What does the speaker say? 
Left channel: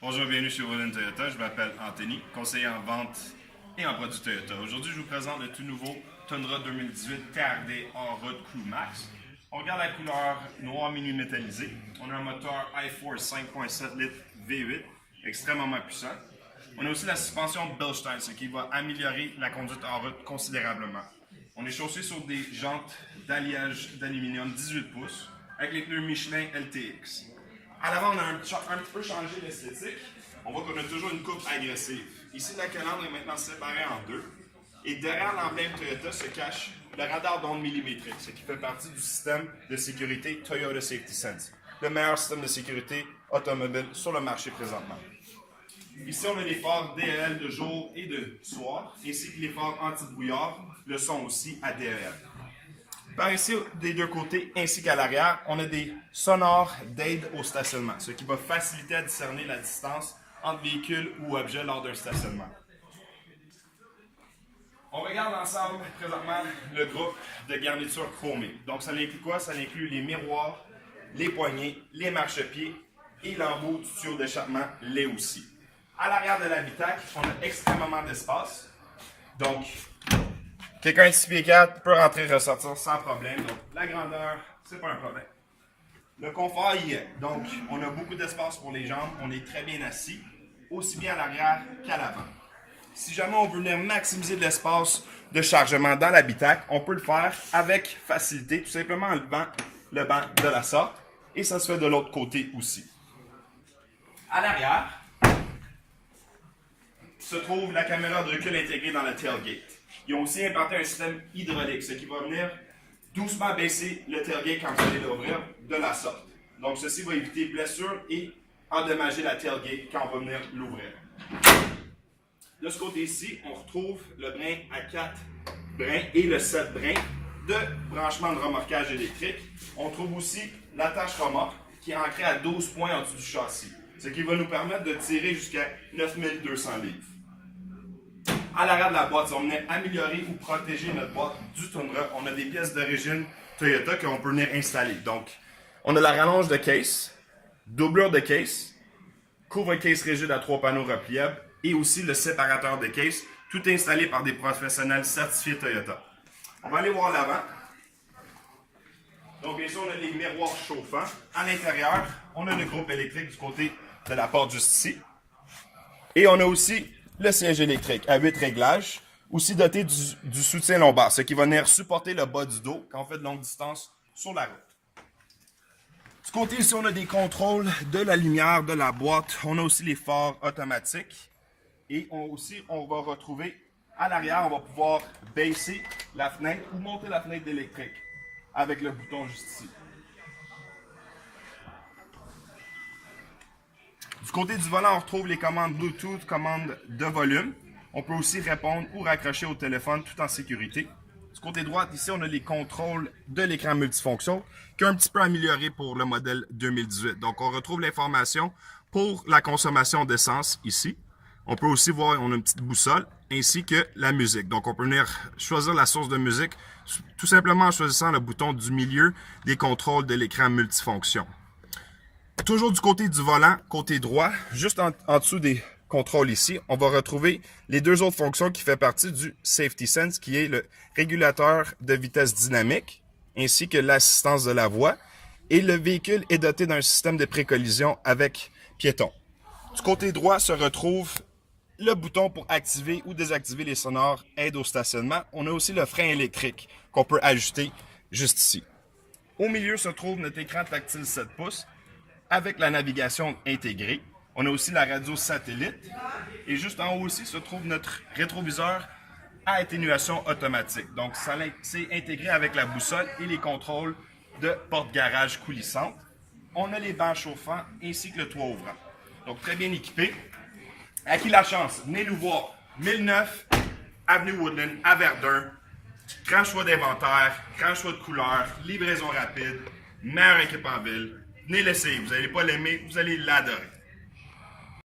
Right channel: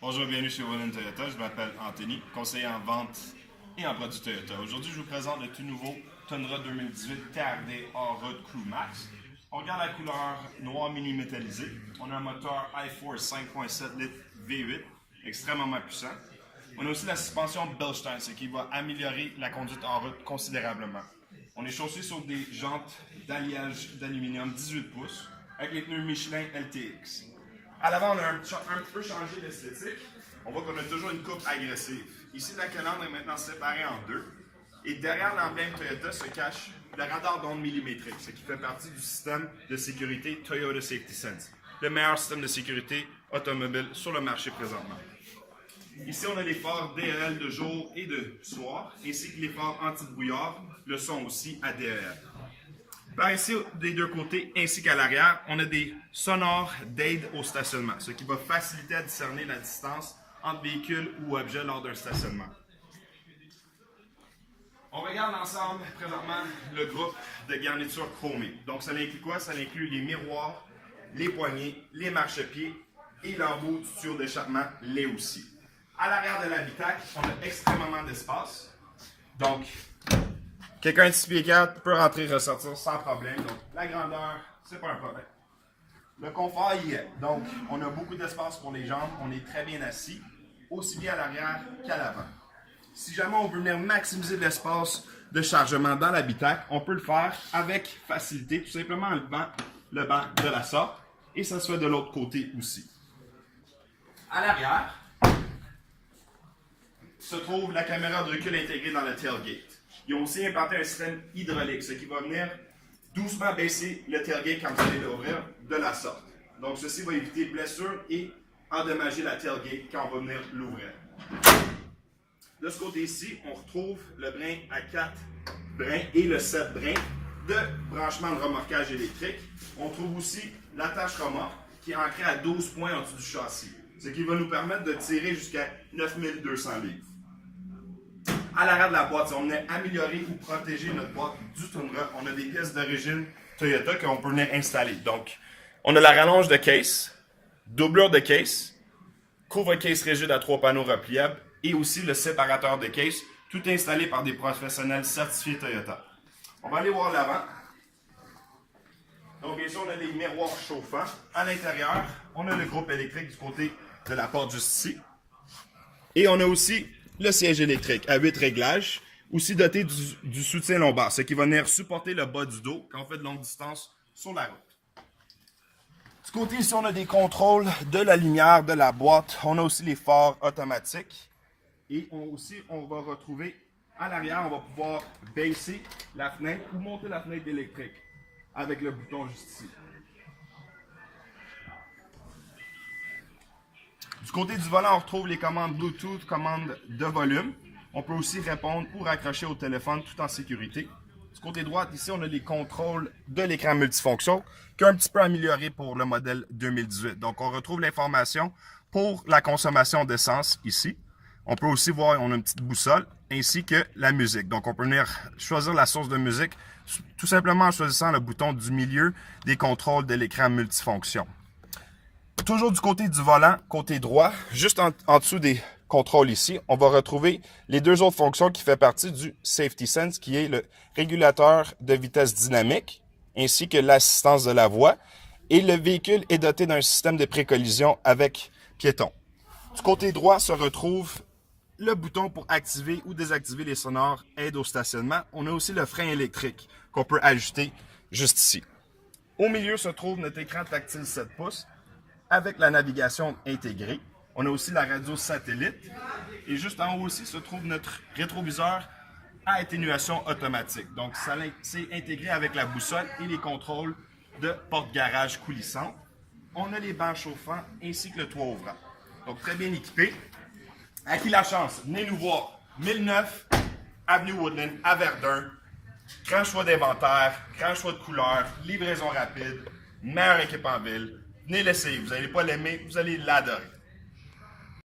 Bonjour, bienvenue chez Roland Toyota. Je m'appelle Anthony, conseiller en vente et en produits Toyota. Aujourd'hui, je vous présente le tout nouveau Tundra 2018 TRD Hors-Route Crew Max. On regarde la couleur noir mini métallisé. On a un moteur iForce 5.7 litres V8, extrêmement puissant. On a aussi la suspension Bilstein, ce qui va améliorer la conduite en route considérablement. On est chaussé sur des jantes d'alliage d'aluminium 18 pouces avec les pneus Michelin LTX. À l'avant, on a un petit peu changé l'esthétique. On voit qu'on a toujours une coupe agressive. Ici, la calandre est maintenant séparée en deux. Et derrière l'emblème Toyota se cache le radar d'onde millimétrique, ce qui fait partie du système de sécurité Toyota Safety Sense, le meilleur système de sécurité automobile sur le marché présentement. Ici, on a les phares DEL de jour et de soir, ainsi que les phares anti-brouillard, le son aussi à DEL. Par ici, des deux côtés, ainsi qu'à l'arrière, on a des sonores d'aide au stationnement, ce qui va faciliter à discerner la distance entre véhicules ou objets lors d'un stationnement. On regarde ensemble présentement le groupe de garnitures chromées. Donc, ça inclut quoi? Ça inclut les miroirs, les poignées, les marchepieds et l'embout du tuyau d'échappement, les aussi. À l'arrière de l'habitacle, on a extrêmement d'espace. Donc, quelqu'un de 6 pieds 4 peut rentrer et ressortir sans problème. Donc, la grandeur, c'est pas un problème. Le confort y est. Donc, on a beaucoup d'espace pour les jambes. On est très bien assis, aussi bien à l'arrière qu'à l'avant. Si jamais on veut venir maximiser l'espace de chargement dans l'habitacle, on peut le faire avec facilité, tout simplement en levant le banc de la sorte. Et ça se fait de l'autre côté aussi. À l'arrière se trouve la caméra de recul intégrée dans le tailgate. Ils ont aussi implanté un système hydraulique, ce qui va venir doucement baisser le tailgate quand vous allez l'ouvrir de la sorte. Donc, ceci va éviter blessures et endommager la tailgate quand on va venir l'ouvrir. De ce côté-ci, on retrouve le brin à 4 brins et le 7 brins de branchement de remorquage électrique. On trouve aussi l'attache remorque qui est ancrée à 12 points en dessous du châssis, ce qui va nous permettre de tirer jusqu'à 9200 livres. À l'arrière de la boîte, si on venait améliorer ou protéger notre boîte du Tundra, on a des pièces d'origine Toyota qu'on peut venir installer. Donc, on a la rallonge de case, doublure de case, couvre-case rigide à 3 panneaux repliables et aussi le séparateur de case, tout installé par des professionnels certifiés Toyota. On va aller voir l'avant. Donc, ici, on a les miroirs chauffants. À l'intérieur, on a le groupe électrique du côté de la porte juste ici. Et on a aussi le siège électrique à 8 réglages, aussi doté du soutien lombaire, ce qui va venir supporter le bas du dos quand on fait de longue distance sur la route. Du côté ici, on a des contrôles de la lumière de la boîte. On a aussi les phares automatiques. Et on va retrouver à l'arrière, on va pouvoir baisser la fenêtre ou monter la fenêtre électrique avec le bouton juste ici. Du côté du volant, on retrouve les commandes Bluetooth, commandes de volume. On peut aussi répondre ou raccrocher au téléphone tout en sécurité. Du côté droit, ici, on a les contrôles de l'écran multifonction qui est un petit peu amélioré pour le modèle 2018. Donc, on retrouve l'information pour la consommation d'essence ici. On peut aussi voir, on a une petite boussole ainsi que la musique. Donc, on peut venir choisir la source de musique tout simplement en choisissant le bouton du milieu des contrôles de l'écran multifonction. Toujours du côté du volant, côté droit, juste en dessous des contrôles ici, on va retrouver les deux autres fonctions qui font partie du Safety Sense, qui est le régulateur de vitesse dynamique, ainsi que l'assistance de la voie. Et le véhicule est doté d'un système de précollision avec piéton. Du côté droit se retrouve le bouton pour activer ou désactiver les sonores aide au stationnement. On a aussi le frein électrique qu'on peut ajuster juste ici. Au milieu se trouve notre écran tactile 7 pouces, avec la navigation intégrée. On a aussi la radio satellite. Et juste en haut aussi se trouve notre rétroviseur à atténuation automatique. Donc, c'est intégré avec la boussole et les contrôles de porte-garage coulissante. On a les bancs chauffants ainsi que le toit ouvrant. Donc, très bien équipé. À qui la chance? Venez nous voir. 1009 Avenue Woodland à Verdun. Grand choix d'inventaire, grand choix de couleurs, livraison rapide, meilleure équipe en ville. Venez l'essayer, vous n'allez pas l'aimer, vous allez l'adorer.